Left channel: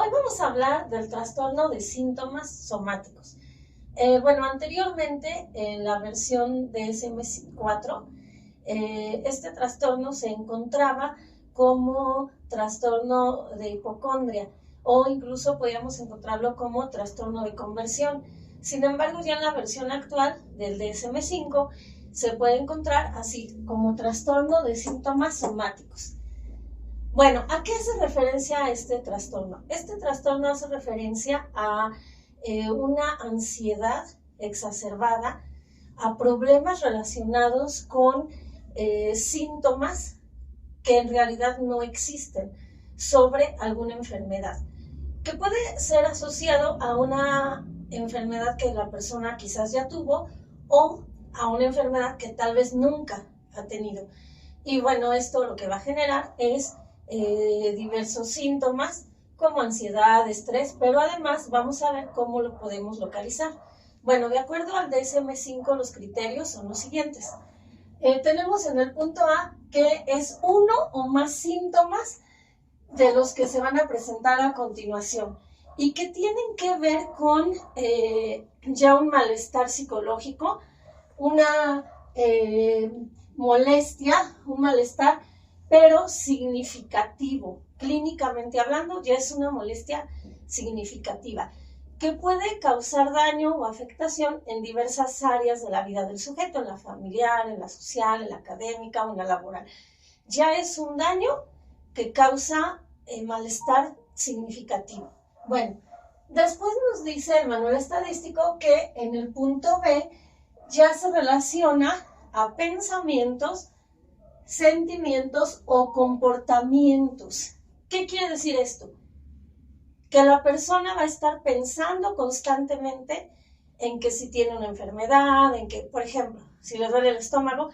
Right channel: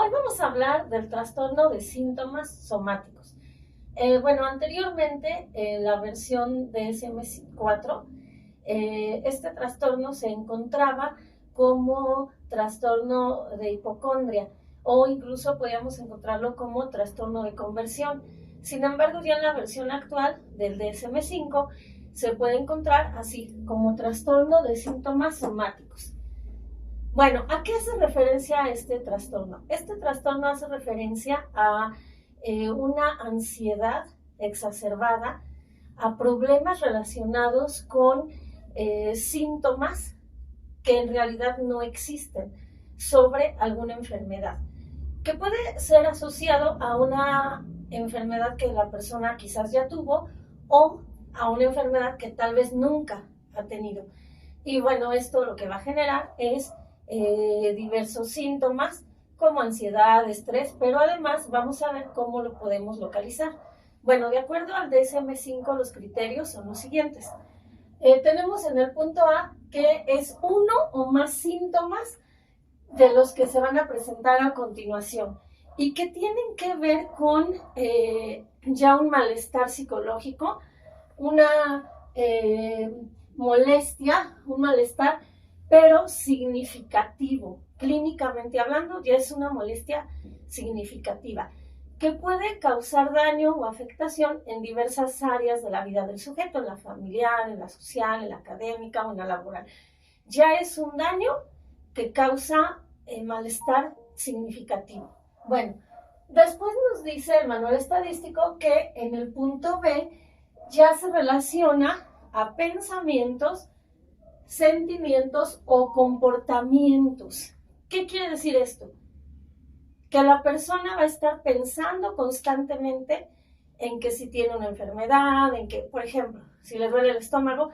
Hoy vamos a hablar del trastorno de síntomas somáticos. Anteriormente, en la versión DSM-4, este trastorno se encontraba como trastorno de hipocondria o incluso podíamos encontrarlo como trastorno de conversión. Sin embargo, ya en la versión actual del DSM-5 se puede encontrar así como trastorno de síntomas somáticos. Bueno, ¿a qué hace referencia este trastorno? Este trastorno hace referencia a una ansiedad exacerbada, a problemas relacionados con síntomas que en realidad no existen sobre alguna enfermedad, que puede ser asociado a una enfermedad que la persona quizás ya tuvo o a una enfermedad que tal vez nunca ha tenido. Y bueno, esto lo que va a generar es diversos síntomas como ansiedad, estrés, pero además vamos a ver cómo lo podemos localizar. Bueno, de acuerdo al DSM-5, los criterios son los siguientes. Tenemos en el punto A que es uno o más síntomas de los que se van a presentar a continuación y que tienen que ver con ya un malestar psicológico, una molestia, un malestar, pero significativo. Clínicamente hablando, ya es una molestia significativa que puede causar daño o afectación en diversas áreas de la vida del sujeto, en la familiar, en la social, en la académica o en la laboral. Ya es un daño que causa malestar significativo. Bueno, después nos dice el manual estadístico que en el punto B ya se relaciona a pensamientos, sentimientos o comportamientos. ¿Qué quiere decir esto? Que la persona va a estar pensando constantemente en que si tiene una enfermedad, en que, por ejemplo, si le duele el estómago,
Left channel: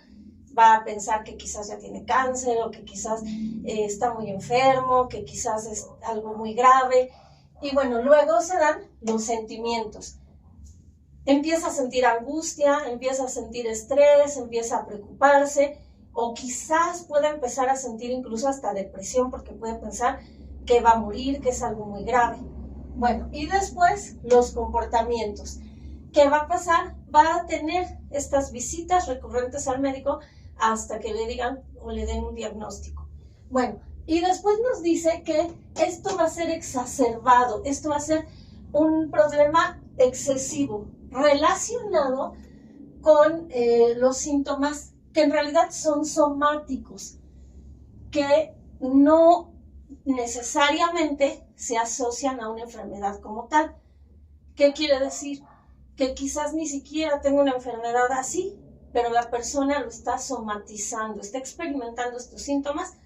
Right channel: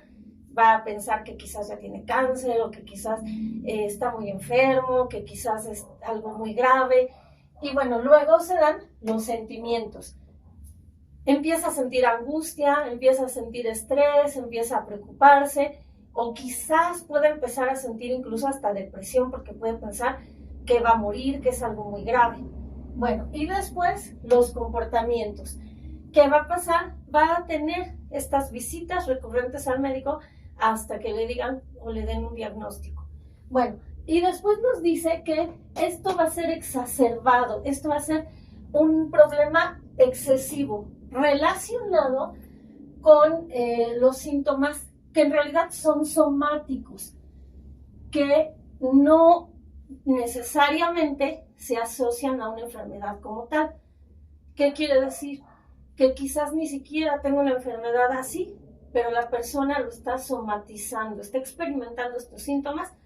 va a pensar que quizás ya tiene cáncer o que quizás está muy enfermo, que quizás es algo muy grave. Y bueno, luego se dan los sentimientos. Empieza a sentir angustia, empieza a sentir estrés, empieza a preocuparse, o quizás pueda empezar a sentir incluso hasta depresión porque puede pensar que va a morir, que es algo muy grave. Bueno, y después los comportamientos. ¿Qué va a pasar? Va a tener estas visitas recurrentes al médico hasta que le digan o le den un diagnóstico. Bueno, y después nos dice que esto va a ser exacerbado, esto va a ser un problema excesivo relacionado con los síntomas que en realidad son somáticos, que no necesariamente se asocian a una enfermedad como tal. ¿Qué quiere decir? Que quizás ni siquiera tenga una enfermedad así, pero la persona lo está somatizando, está experimentando estos síntomas,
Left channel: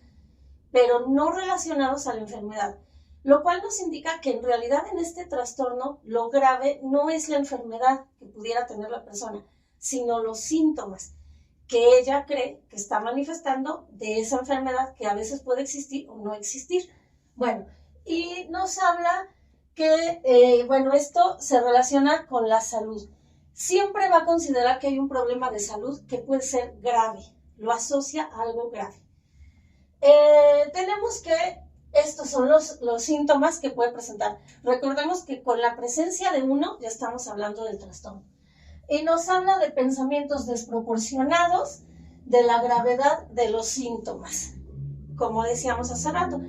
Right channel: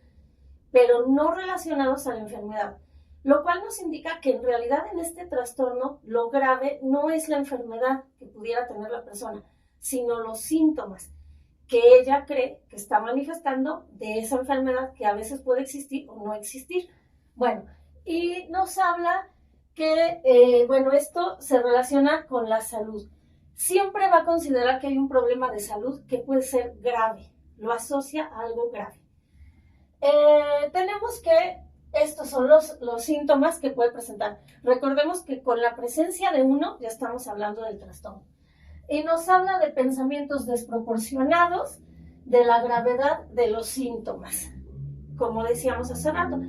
pero no relacionados a la enfermedad, lo cual nos indica que en realidad en este trastorno lo grave no es la enfermedad que pudiera tener la persona, sino los síntomas que ella cree que está manifestando de esa enfermedad que a veces puede existir o no existir. Bueno, y nos habla que, esto se relaciona con la salud. Siempre va a considerar que hay un problema de salud que puede ser grave, lo asocia a algo grave. Tenemos que estos son los síntomas que puede presentar. Recordemos que con la presencia de uno ya estamos hablando del trastorno. Y nos habla de pensamientos desproporcionados, de la gravedad de los síntomas. Como decíamos hace rato,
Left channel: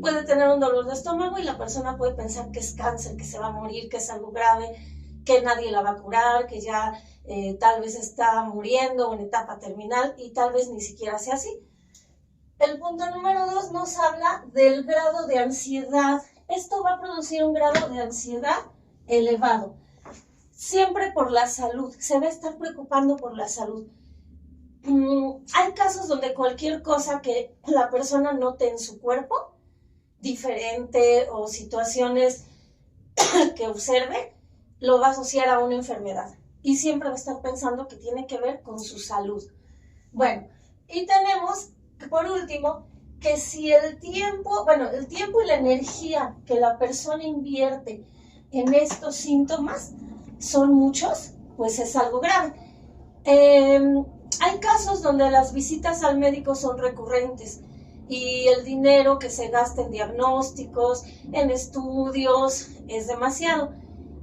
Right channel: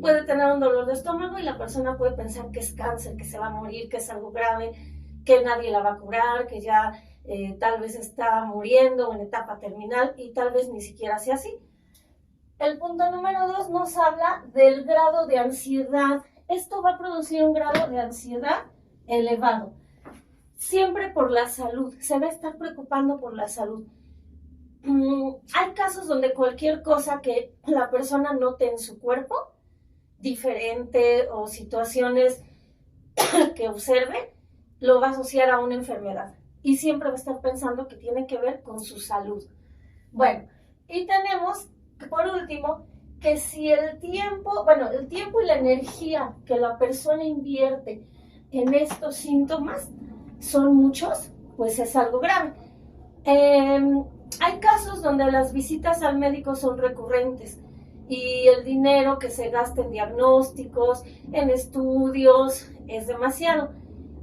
puede tener un dolor de estómago y la persona puede pensar que es cáncer, que se va a morir, que es algo grave, que nadie la va a curar, que ya tal vez está muriendo o en etapa terminal y tal vez ni siquiera sea así. El punto número 2 nos habla del grado de ansiedad. Esto va a producir un grado de ansiedad elevado. Siempre por la salud, se va a estar preocupando por la salud. Hay casos donde cualquier cosa que la persona note en su cuerpo, diferente o situaciones que observe, lo va a asociar a una enfermedad y siempre va a estar pensando que tiene que ver con su salud. Bueno, y tenemos, por último, que si el tiempo y la energía que la persona invierte en estos síntomas son muchos, pues es algo grave. Hay casos donde las visitas al médico son recurrentes y el dinero que se gasta en diagnósticos, en estudios, es demasiado.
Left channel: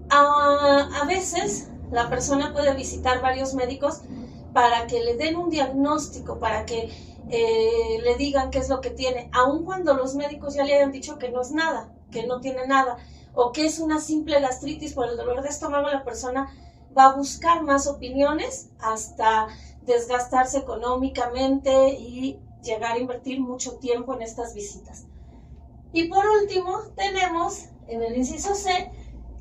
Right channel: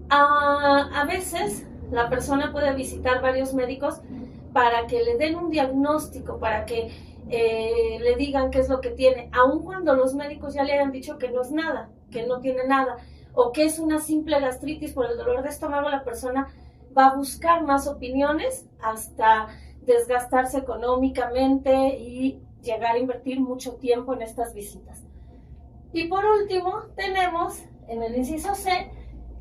A veces la persona puede visitar varios médicos para que le den un diagnóstico, para que le digan qué es lo que tiene, aun cuando los médicos ya le hayan dicho que no es nada, que no tiene nada, o que es una simple gastritis por el dolor de estómago. La persona va a buscar más opiniones hasta desgastarse económicamente y llegar a invertir mucho tiempo en estas visitas. Y por último, tenemos en el inciso C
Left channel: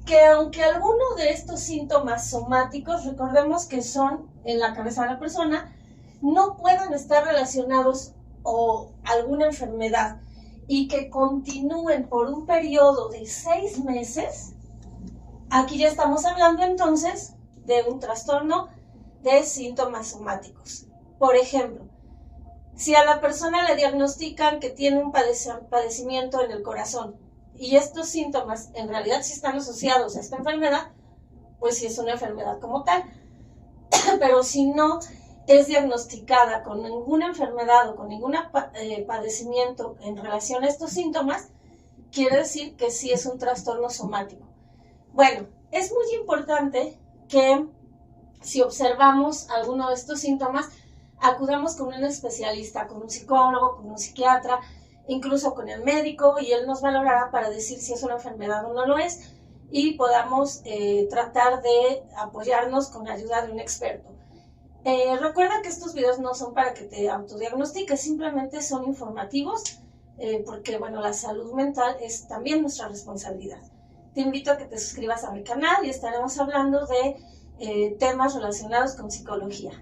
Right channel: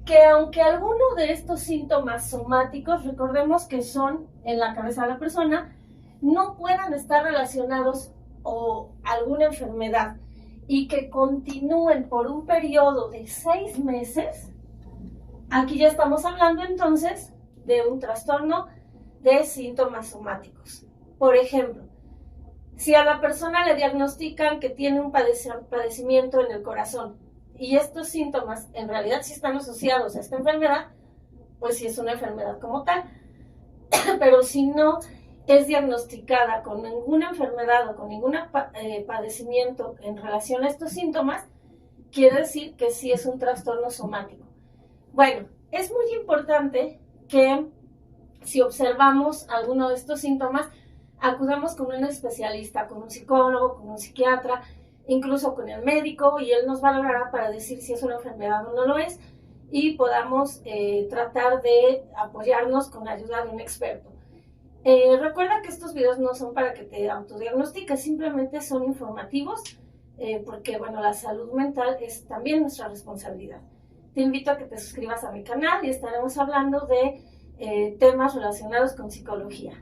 que aunque alguno de estos síntomas somáticos, recordemos que son en la cabeza de la persona, no puedan estar relacionados o alguna enfermedad y que continúen por un periodo de 6 meses, aquí ya estamos hablando entonces de un trastorno de síntomas somáticos. Por ejemplo, si a la persona le diagnostican que tiene un padecimiento en el corazón y estos síntomas en realidad sí están asociados a esta enfermedad, pues sí es una enfermedad como tal. Pero si no es diagnosticada con ninguna enfermedad o con ningún padecimiento en relación a estos síntomas, quiere decir que sí es un trastorno somático. Bueno, es muy importante que si observamos alguno de estos síntomas, acudamos con un especialista, con un psicólogo, con un psiquiatra, incluso con el médico, y él nos valorará para decir si es una enfermedad o no lo es, y podamos tratar de apoyarnos con la ayuda de un experto. Recuerda que estos videos no son para que te autodiagnostiques, simplemente son informativos, porque bueno, la salud mental es también nuestra responsabilidad. Te invito a que te suscribas a mi canal y estaremos hablando de temas relacionados con psicología.